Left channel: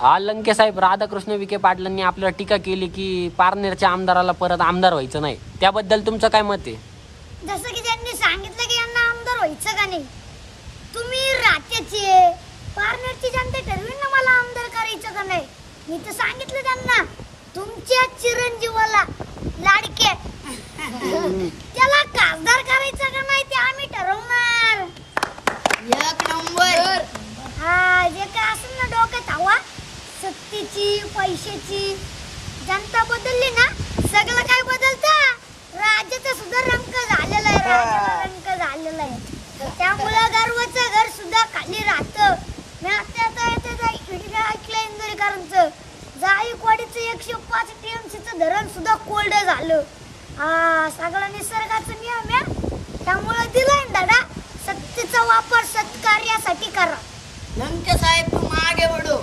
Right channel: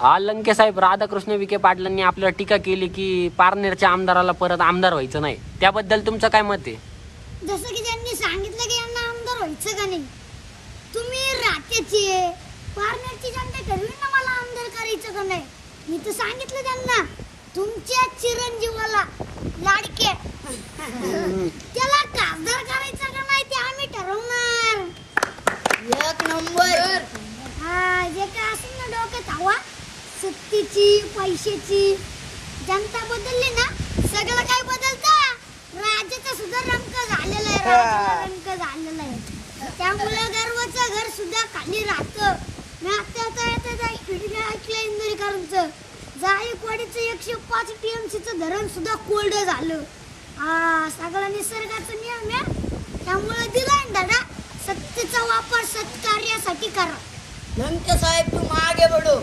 हा लंके साहेब राधाकृष्ण विखे पाटलांनी आपल्याला टीका केली की पारनेरच्या आमदाराला परत आमदार व्हायचं नाही. त्याबद्दल तुमचं काय मत आहे? जसं की त्यांनी सांगितलं की यांना आमदार व्हायचं का नाही. तुम्ही रात्याचे पारनेरची जनता ठरवी ना मला आमदार करायचं का नाही. मी तर सांगितलं त्यांना तुमच्या चिरंजीवाला लाडके. त्याला खासदार करायचं का नाही ते आम्ही ठरवणार. एक नंबर. हा जे काय असेल ना डोक्यात हवा सत्तेची पैशाची. जनता बदलली ना सगळं काय बदलतं? राज्याचा सुद्धा रंग झालेला आहे राज्याला रंग झालेला आहे. त्यामुळं गर्वाचं घर सुद्धा खाली राहतं. मी आता आता ऐकलं इंदोरीकरांचं. जायकवाडीचं एकशे पाच टीएमसीचं धरण सुद्धा कोल्ड झालं. हा सगळं निसर्गाचा नियम आहे. त्यामुळं दिलाय दादा सत्तेचा वापर सत्कार्यासाठी करा. लंके साहेब तू मागे बडो